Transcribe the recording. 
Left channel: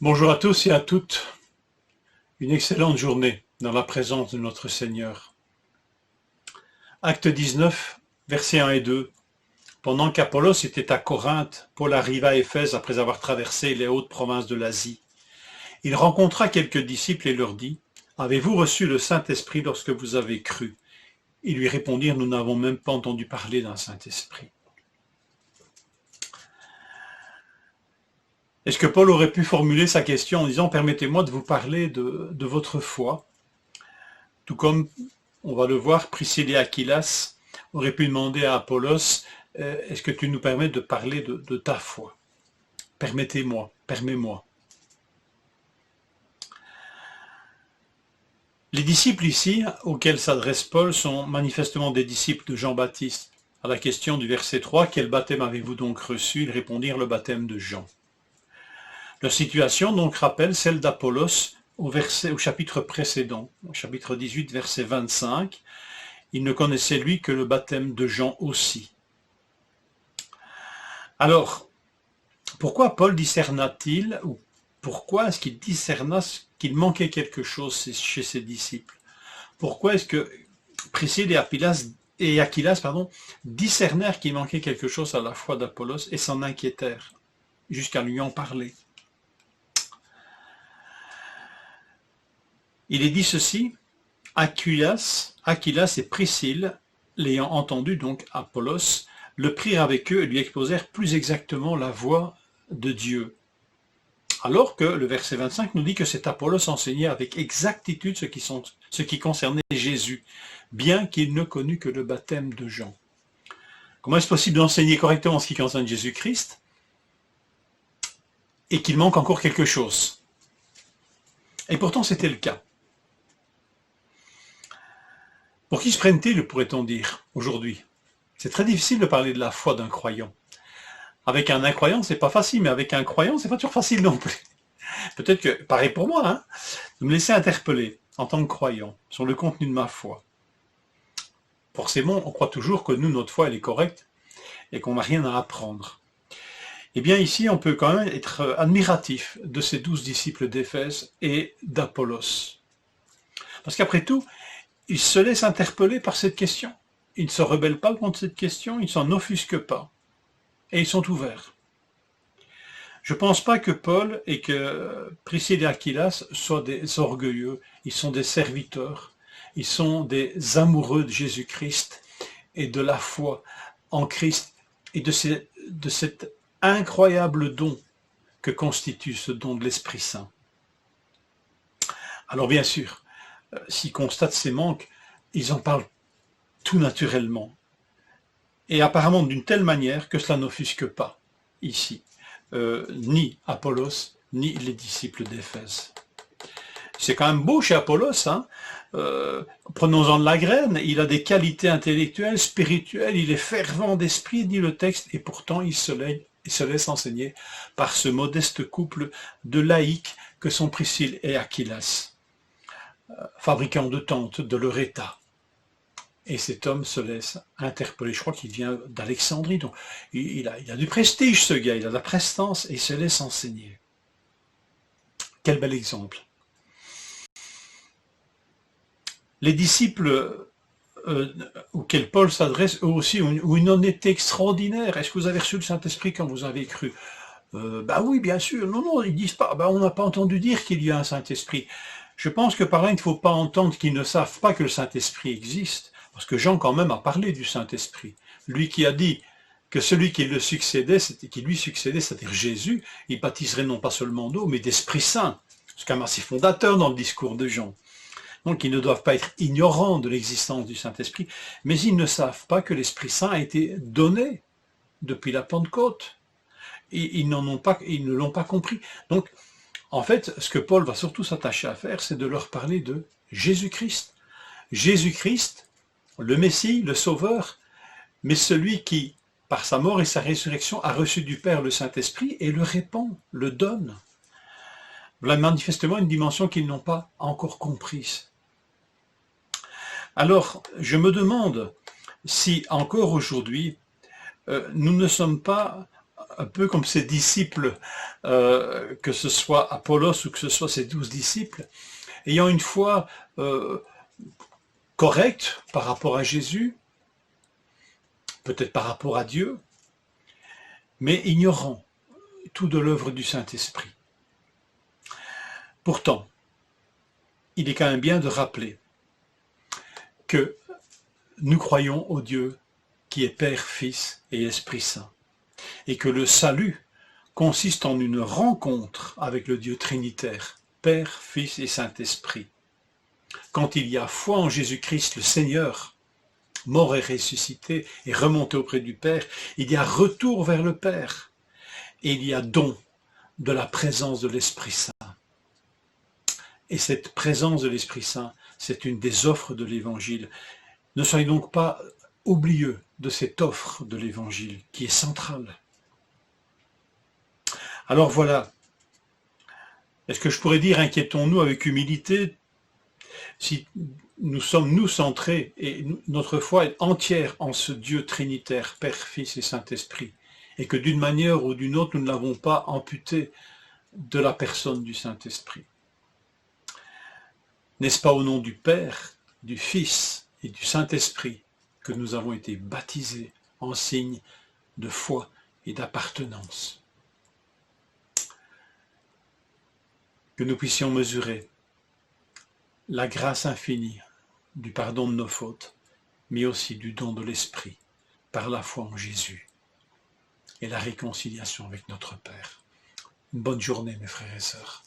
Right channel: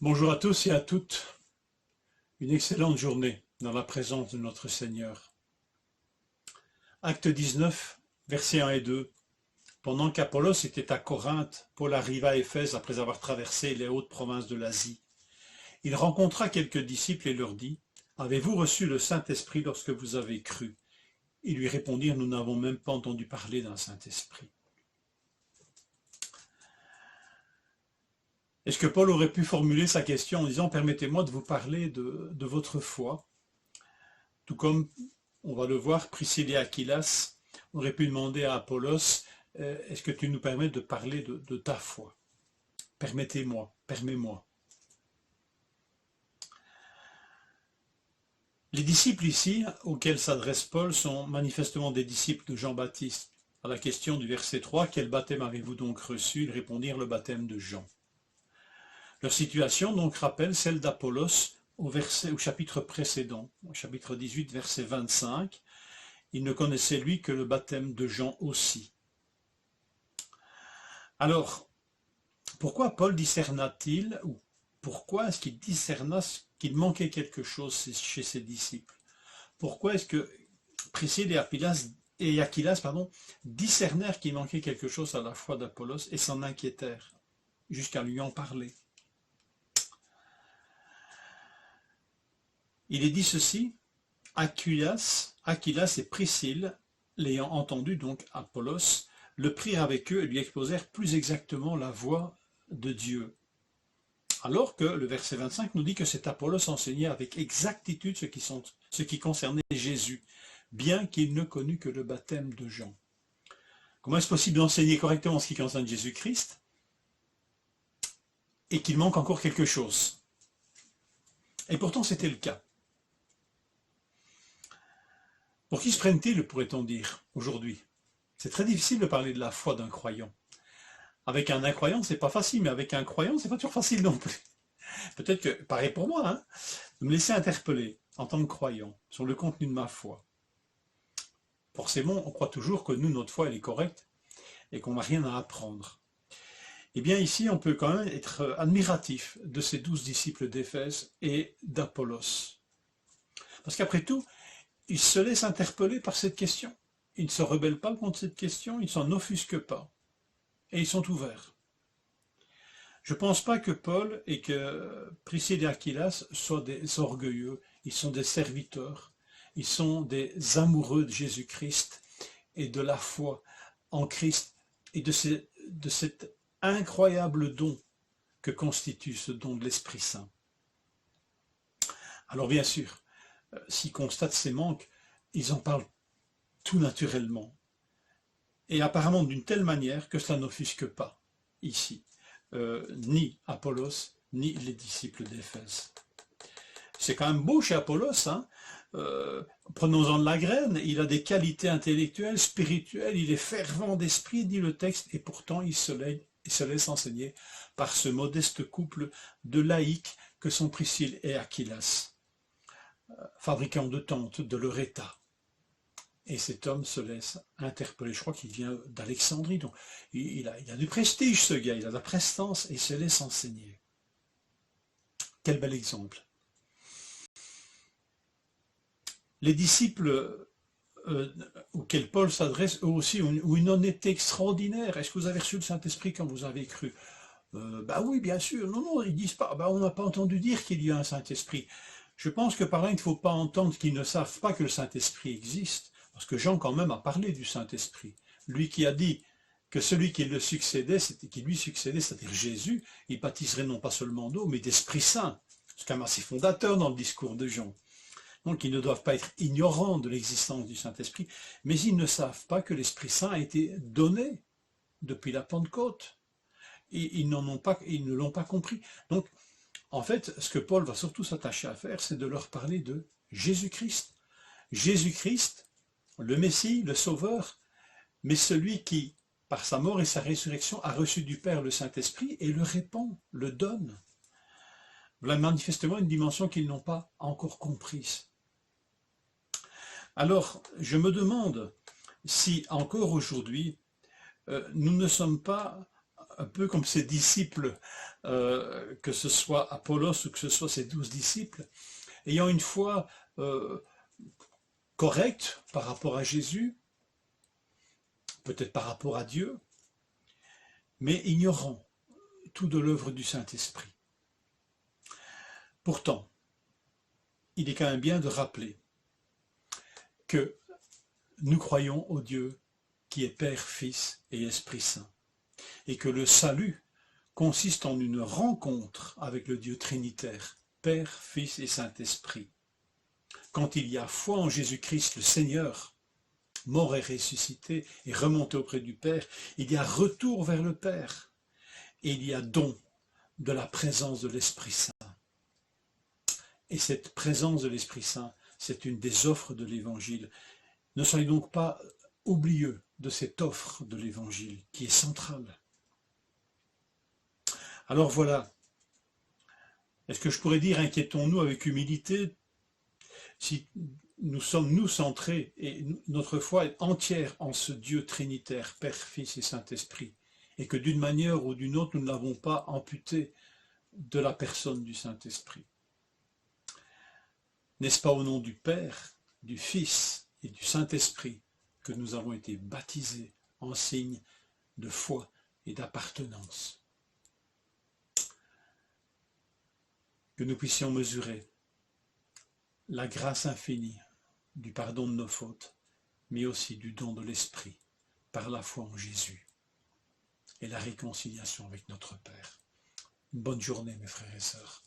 Bonjour à tous et à toutes. Une excellente journée dans la présence de notre Seigneur. Acte 19, versets 1 et 2. Pendant qu'Apollos était à Corinthe, Paul arriva à Éphèse après avoir traversé les hautes provinces de l'Asie. Il rencontra quelques disciples et leur dit : « Avez-vous reçu le Saint-Esprit lorsque vous avez cru ?» Ils lui répondirent : « Nous n'avons même pas entendu parler d'un Saint-Esprit. » Est-ce que Paul aurait pu formuler sa question en disant : « Permettez-moi de vous parler de votre foi ?» Tout comme, on va le voir, Priscille et Aquilas auraient pu demander à Apollos : « Est-ce que tu nous permets de parler de ta foi ? Permettez-moi, permets-moi. » Les disciples ici, auxquels s'adresse Paul, sont manifestement des disciples de Jean-Baptiste. À la question du verset 3, « Quel baptême avez-vous donc reçu ?» Ils répondirent : « Le baptême de Jean. » Leur situation donc rappelle celle d'Apollos au chapitre précédent, au chapitre 18, verset 25. Il ne connaissait lui que le baptême de Jean aussi. Alors, pourquoi Paul discerna-t-il, ou pourquoi est-ce qu'il discerna qu'il manquait quelque chose chez ses disciples? Pourquoi est-ce que Priscille et Aquilas discernèrent qu'il manquait quelque chose à la foi d'Apollos et s'en inquiétèrent, jusqu'à lui en parler? Il est dit ceci : Aquilas et Priscille, l'ayant entendu, donc Apollos, le prirent avec eux et lui exposèrent plus exactement la voie de Dieu. Alors que le verset 25 nous dit que cet Apollos enseignait avec exactitude ce qui concernait Jésus, bien qu'il ne connût que le baptême de Jean. Comment est-ce possible d'enseigner correctement ce qui concerne Jésus-Christ et qu'il manque encore quelque chose? Et pourtant c'était le cas. Pour qui se prennent-ils, pourrait-on dire, aujourd'hui? C'est très difficile de parler de la foi d'un croyant. Avec un incroyant, c'est pas facile, mais avec un croyant, c'est pas toujours facile non plus. Peut-être que, pareil pour moi, de me laisser interpeller en tant que croyant sur le contenu de ma foi. Forcément, on croit toujours que nous, notre foi, elle est correcte et qu'on n'a rien à apprendre. Eh bien, ici, on peut quand même être admiratif de ces 12 disciples d'Éphèse et d'Apollos. Parce qu'après tout, ils se laissent interpeller par cette question. Ils ne se rebellent pas contre cette question, ils ne s'en offusquent pas. Et ils sont ouverts. Je ne pense pas que Paul et que Priscille et Aquilas soient des orgueilleux. Ils sont des serviteurs. Ils sont des amoureux de Jésus-Christ et de la foi en Christ et de cet incroyable don que constitue ce don de l'Esprit Saint. Alors bien sûr, s'ils constatent ces manques, ils en parlent tout naturellement. Et apparemment d'une telle manière que cela n'offusque pas, ici, ni Apollos, ni les disciples d'Éphèse. C'est quand même beau chez Apollos, hein. Prenons-en de la graine, il a des qualités intellectuelles, spirituelles, il est fervent d'esprit, dit le texte, et pourtant il se laisse enseigner par ce modeste couple de laïcs que sont Priscille et Aquilas, fabricants de tentes de leur état. Et cet homme se laisse interpeller. Je crois qu'il vient d'Alexandrie. Donc il a du prestige, ce gars. Il a de la prestance et il se laisse enseigner. Quel bel exemple. Les disciples auxquels Paul s'adresse, eux aussi, ont une honnêteté extraordinaire. Est-ce que vous avez reçu le Saint-Esprit quand vous avez cru ? Ben oui, bien sûr. Non, ils disent pas. Ben, on n'a pas entendu dire qu'il y a un Saint-Esprit. Je pense que par là, il ne faut pas entendre qu'ils ne savent pas que le Saint-Esprit existe. Parce que Jean quand même a parlé du Saint-Esprit. Lui qui a dit que celui qui lui succédait, c'est-à-dire Jésus, il baptiserait non pas seulement d'eau, mais d'Esprit Saint. C'est quand même assez fondateur dans le discours de Jean. Donc ils ne doivent pas être ignorants de l'existence du Saint-Esprit, mais ils ne savent pas que l'Esprit Saint a été donné depuis la Pentecôte. Ils ne l'ont pas compris. Donc, en fait, ce que Paul va surtout s'attacher à faire, c'est de leur parler de Jésus-Christ. Jésus-Christ, le Messie, le Sauveur, mais celui qui, par sa mort et sa résurrection, a reçu du Père le Saint-Esprit et le répand, le donne. Voilà manifestement une dimension qu'ils n'ont pas encore comprise. Alors, je me demande si encore aujourd'hui, nous ne sommes pas un peu comme ses disciples, que ce soit Apollos ou que ce soit ses 12 disciples, ayant une foi correcte par rapport à Jésus, peut-être par rapport à Dieu, mais ignorant tout de l'œuvre du Saint-Esprit. Pourtant, il est quand même bien de rappeler que nous croyons au Dieu qui est Père, Fils et Esprit Saint, et que le salut consiste en une rencontre avec le Dieu trinitaire, Père, Fils et Saint-Esprit. Quand il y a foi en Jésus-Christ le Seigneur, mort et ressuscité et remonté auprès du Père, il y a retour vers le Père, et il y a don de la présence de l'Esprit Saint. Et cette présence de l'Esprit Saint, c'est une des offres de l'Évangile. Ne soyez donc pas oublieux de cette offre de l'Évangile qui est centrale. Alors voilà, est-ce que je pourrais dire inquiétons-nous avec humilité si nous sommes nous centrés et notre foi est entière en ce Dieu trinitaire, Père, Fils et Saint-Esprit, et que d'une manière ou d'une autre nous ne l'avons pas amputé de la personne du Saint-Esprit. N'est-ce pas au nom du Père, du Fils et du Saint-Esprit que nous avons été baptisés en signe de foi et d'appartenance? Que nous puissions mesurer la grâce infinie du pardon de nos fautes, mais aussi du don de l'Esprit par la foi en Jésus et la réconciliation avec notre Père. Une bonne journée, mes frères et sœurs.